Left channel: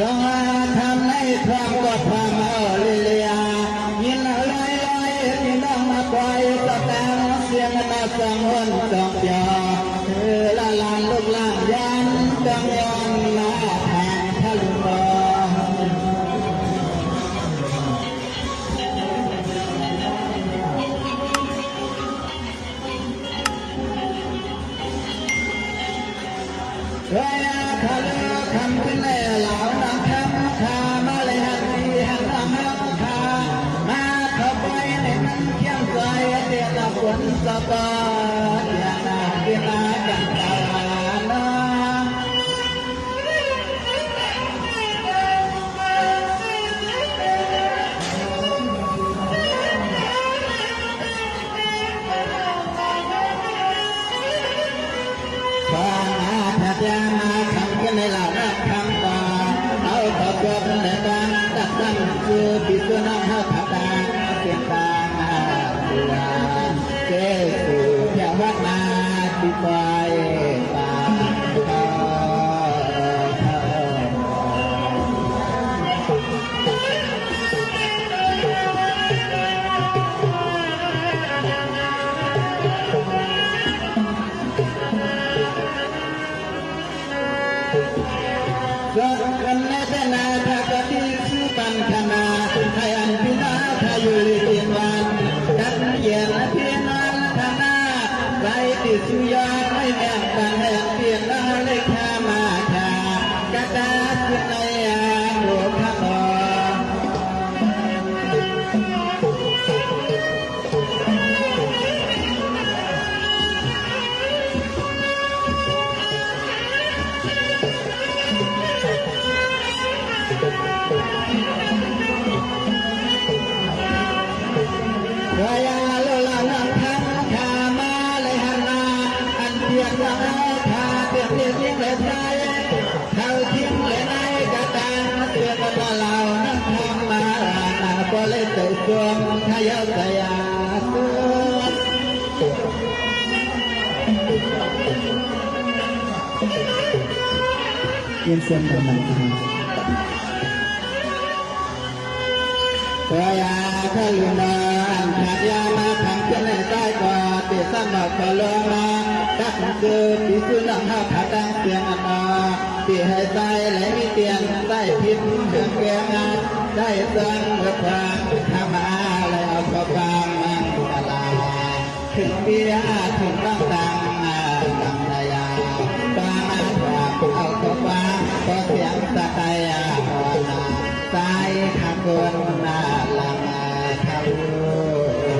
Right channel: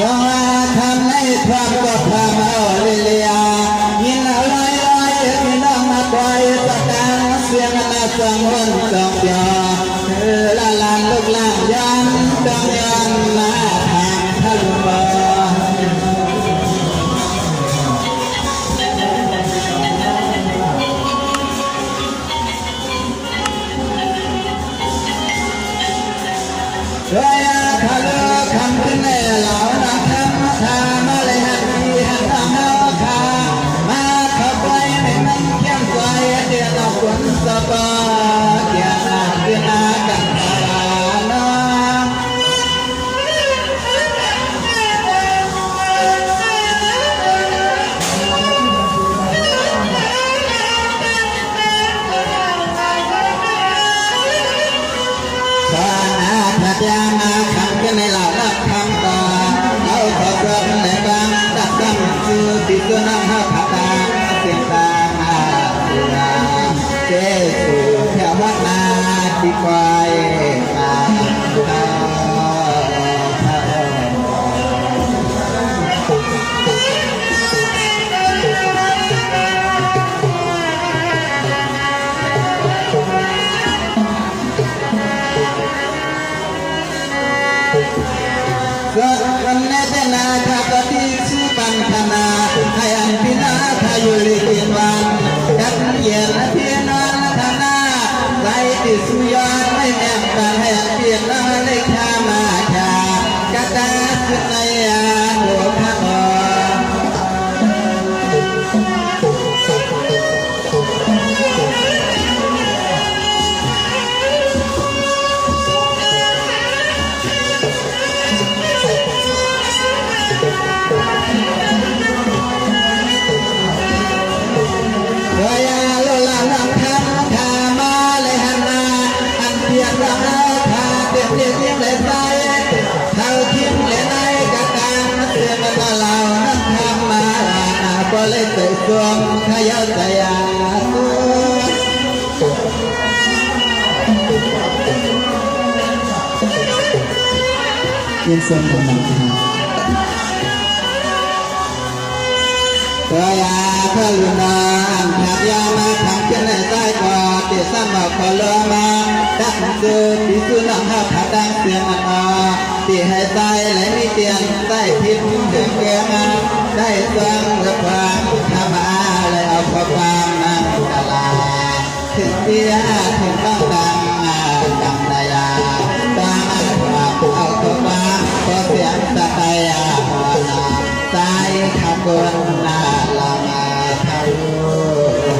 ยังทำในความก็ทำเอาเรียยินเอาลอยลอยพี่น้องมาคอยสกังเสียงนาสังวนสองยอละลานลูกหลานยันดองยันมาทางทะลุมาเฮ้ยทะลุคำขึ้นในเหล่านักคำทามาเลยหันที่หันตามเอาขามาเข้าไปในนั้นเขียนใจเดียร์ตะวันสบายเกียรติเกียรติกันตาโนขอนาทัดยามาคำกันในเหล่านักคำต่อเอาขอเพิ่มในบางดักคำสู่ที่สุนัขพัฒนาเสียงตาเจ้สู่เทวนาที่คอยตามเขา กันเนตนาทัปติสุปังธนาให้อันพินาทายุลิกิวันดักเย็นพินาธนาในที่สุยานไม่แม่กันให้อันเพียงละเลขามาจากัตตาสุนยาโหทะโมยินเสียงของมันเพื่อยาพระลุนดานขับยามาทำกันในใต้ก่อเตียซ้ำดอกพอลมาดักซื้อที่สุนัขขับดังเสียงมันอที่ให้ใต้และมีเตียนใต้พิษเดือดเกลือมาได้สร้างและความทำมาและเอาความมันตลาถึงเพียถึงต้องดังดำนายาตาความเอาความพอเสียงตะไคร้หัวหน้าใจขบวนนาลามาทะลุ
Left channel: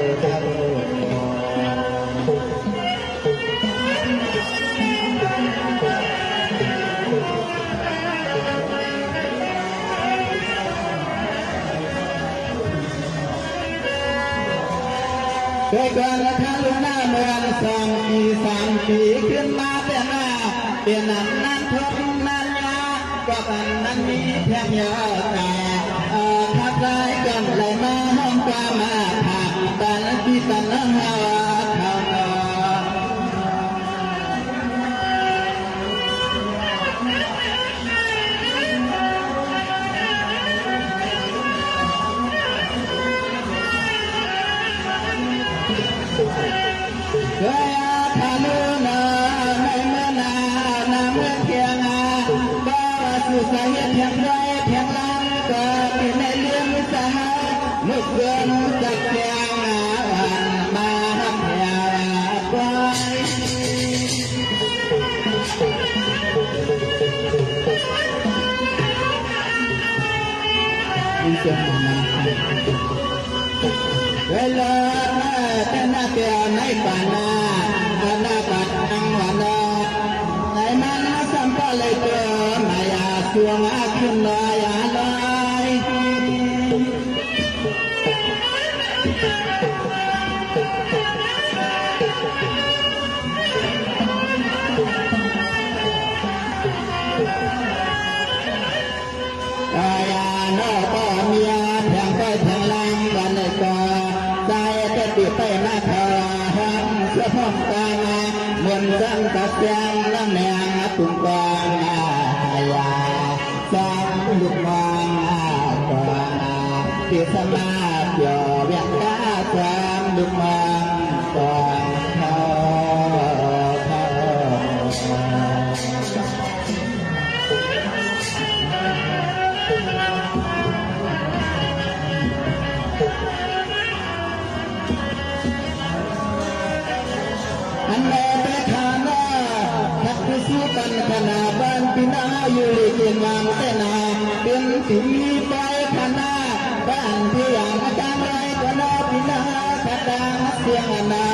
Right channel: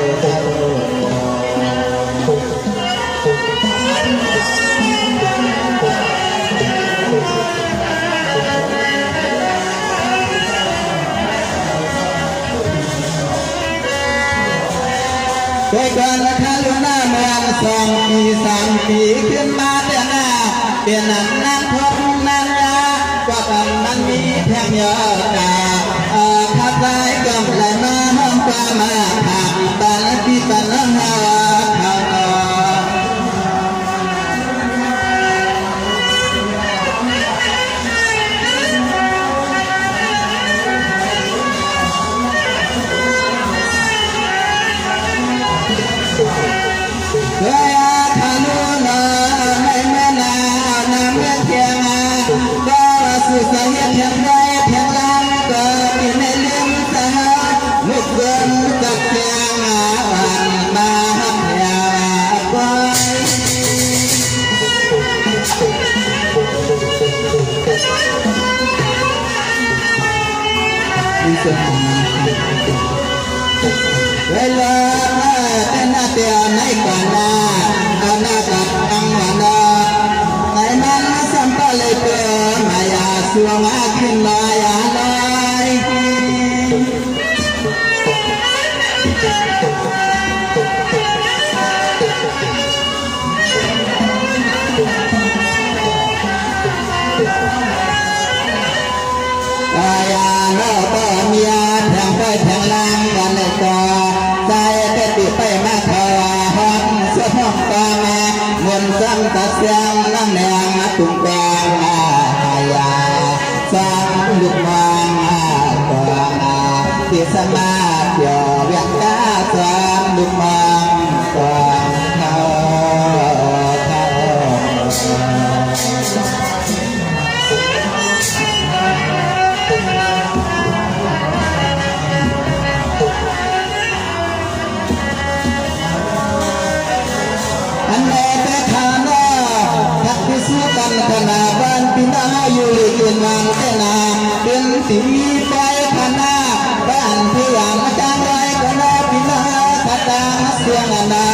สมาเดียวเวียงกาสามดุมองกวางเขาอันแรกแต่ฐานะทักพิสูจน์กันขนาดบ้านพินาอยู่ลีกินวางแต่นาเป็นสีไฟขนาบ้านที่ยามจางไรก็น่าพินาขัดตาเสียงนา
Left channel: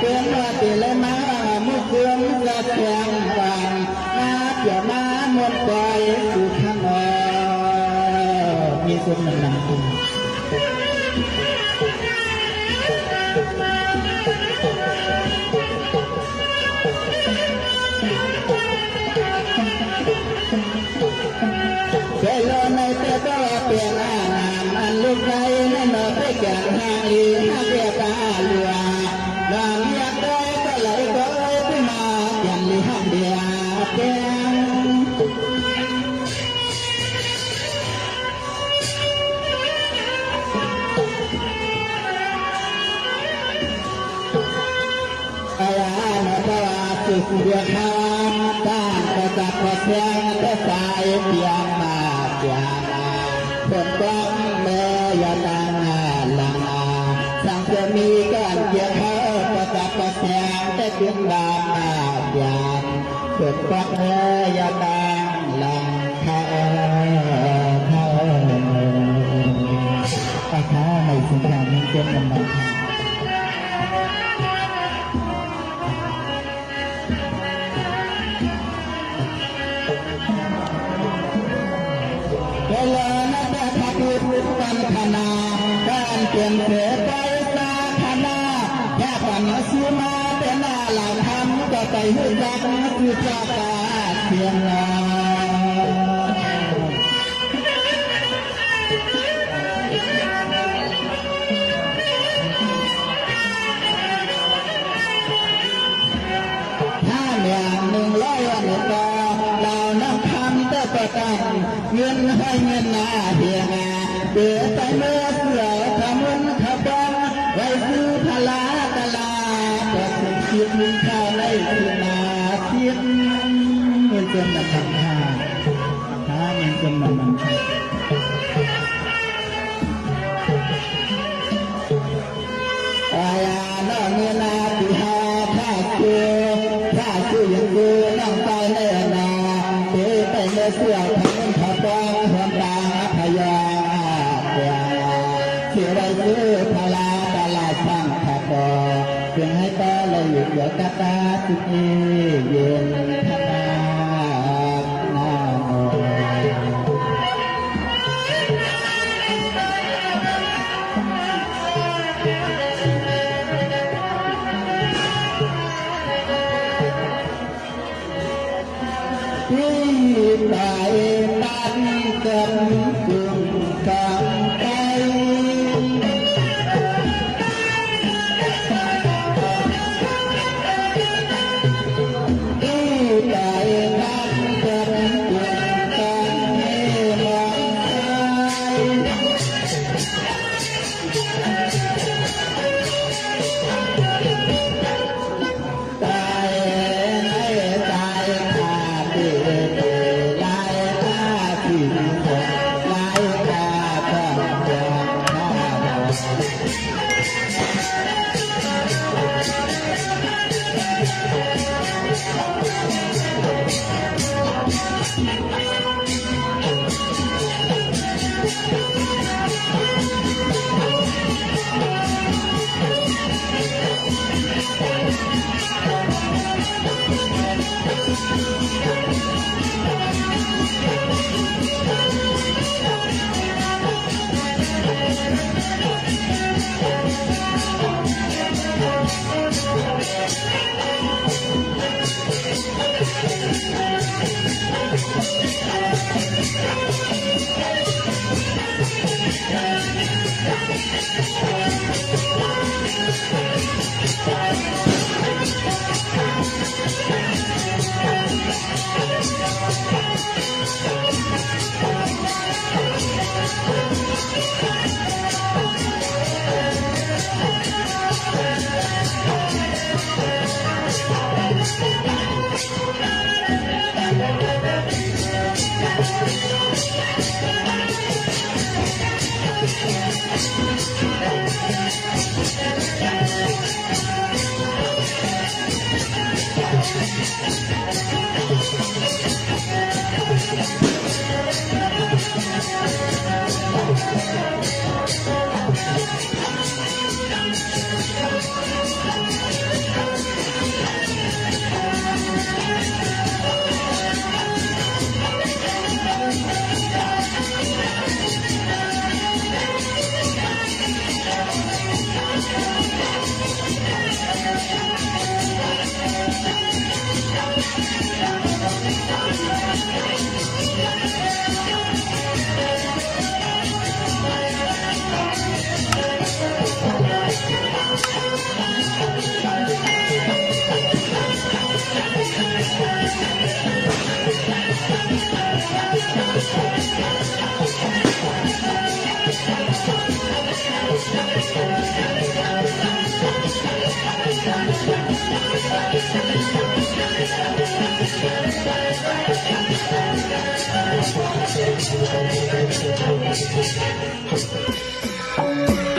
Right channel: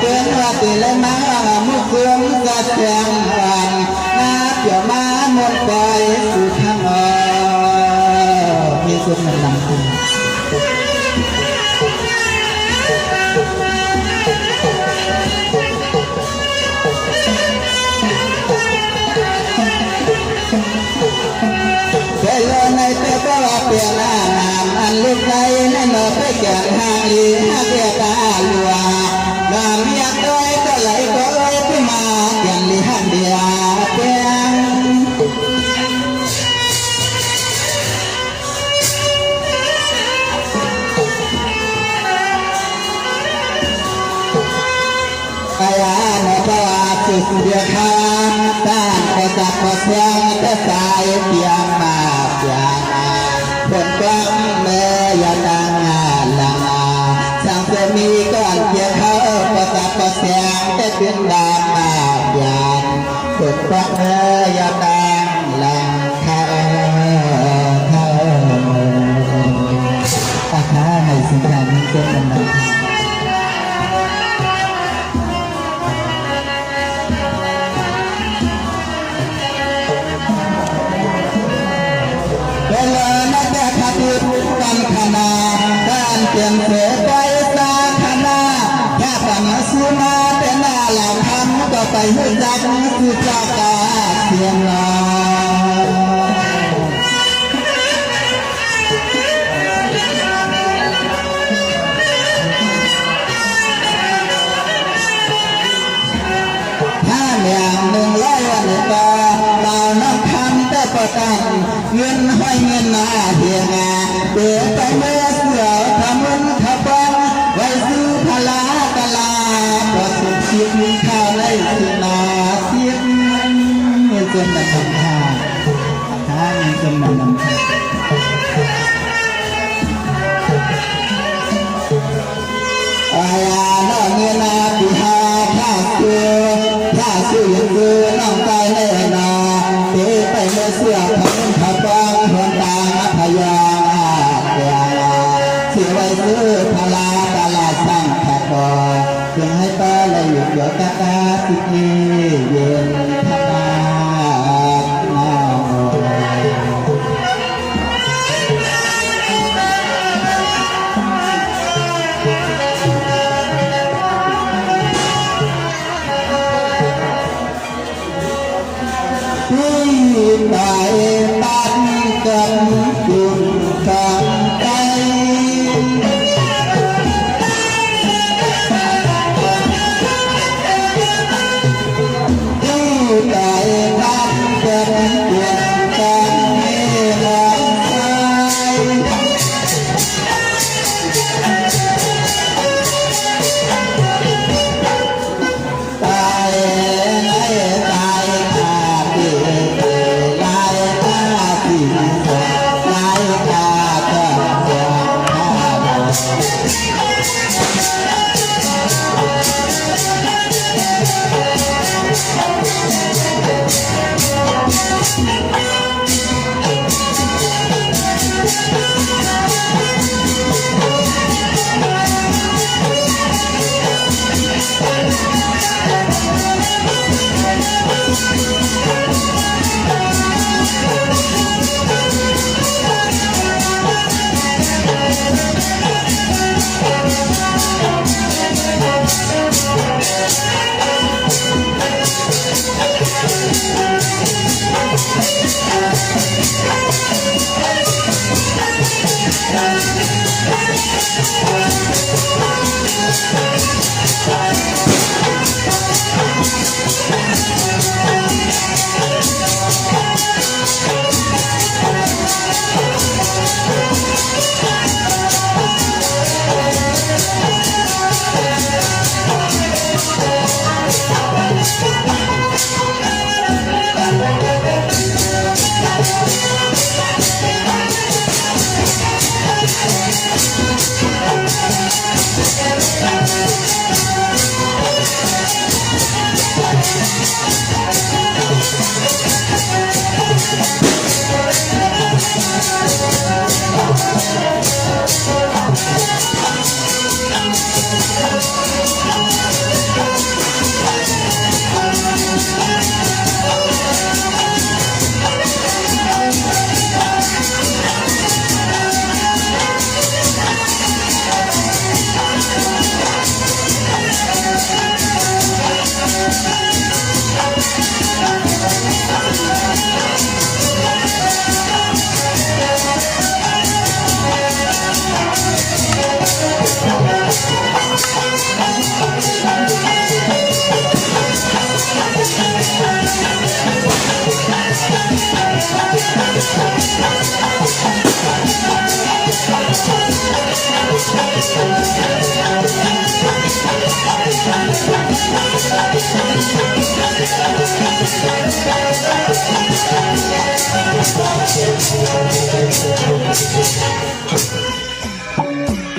เป็นว่าตีเลยมามุกเสื่อมกัดแจงวันนาเกี่ยวมาหมดไปสู่ข้างอมีสุดมันนำคุณเปลี่ยนหน้านามอันลูกใจนั่นเราไปแก่หางลีหาแก่ตาลัวงามอยากได้ก็ไหลก็เอ้ยที่มาแก่ลีหันเดียแจ้งกายานภาวะสุดเดียคานการกระจับกระเสียงแต่สายเพียงมาเพียงผลกว้างเมื่อยาดังลาสั่งจะมีก่อนเพียงเขาประกาศเสียงแต่เป็นดามมาหยาดผลกว้างเมื่อยาดังลาเขาอาคาให้สิ่งนั้นเกิดมันไปหุ่นจักคือเจ้าตาเสียงลถ้าอย่าง100 วันก็เราน้ำคำแต่ประกันเงินห้อยเงินมาเฮียงาเดือไปเมื่อเสือทำมุนขับบังไว้ซื้อพลาตลาประสบชีวิตข้าวในสินาจนมาทำท่ามีจนมาทำท่าอาญาน้องเงินนาปีหาท่าสู้ยังดูน้องตายแน่นอเดี๋ยวไปเมื่อเสื้อของขับฟังหัวตาพยาเดียที่ไว้ซื้อพลาตลาดสร้างแขกบ่ยังให้ป้าเลยอยู่เกี่ยวกับสิกีเย็นท่า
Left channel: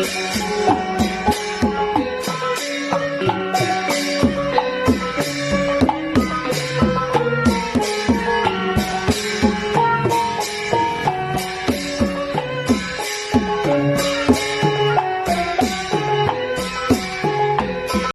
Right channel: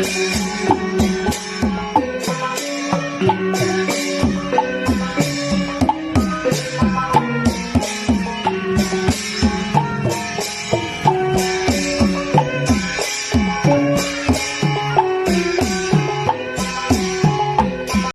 Thank you.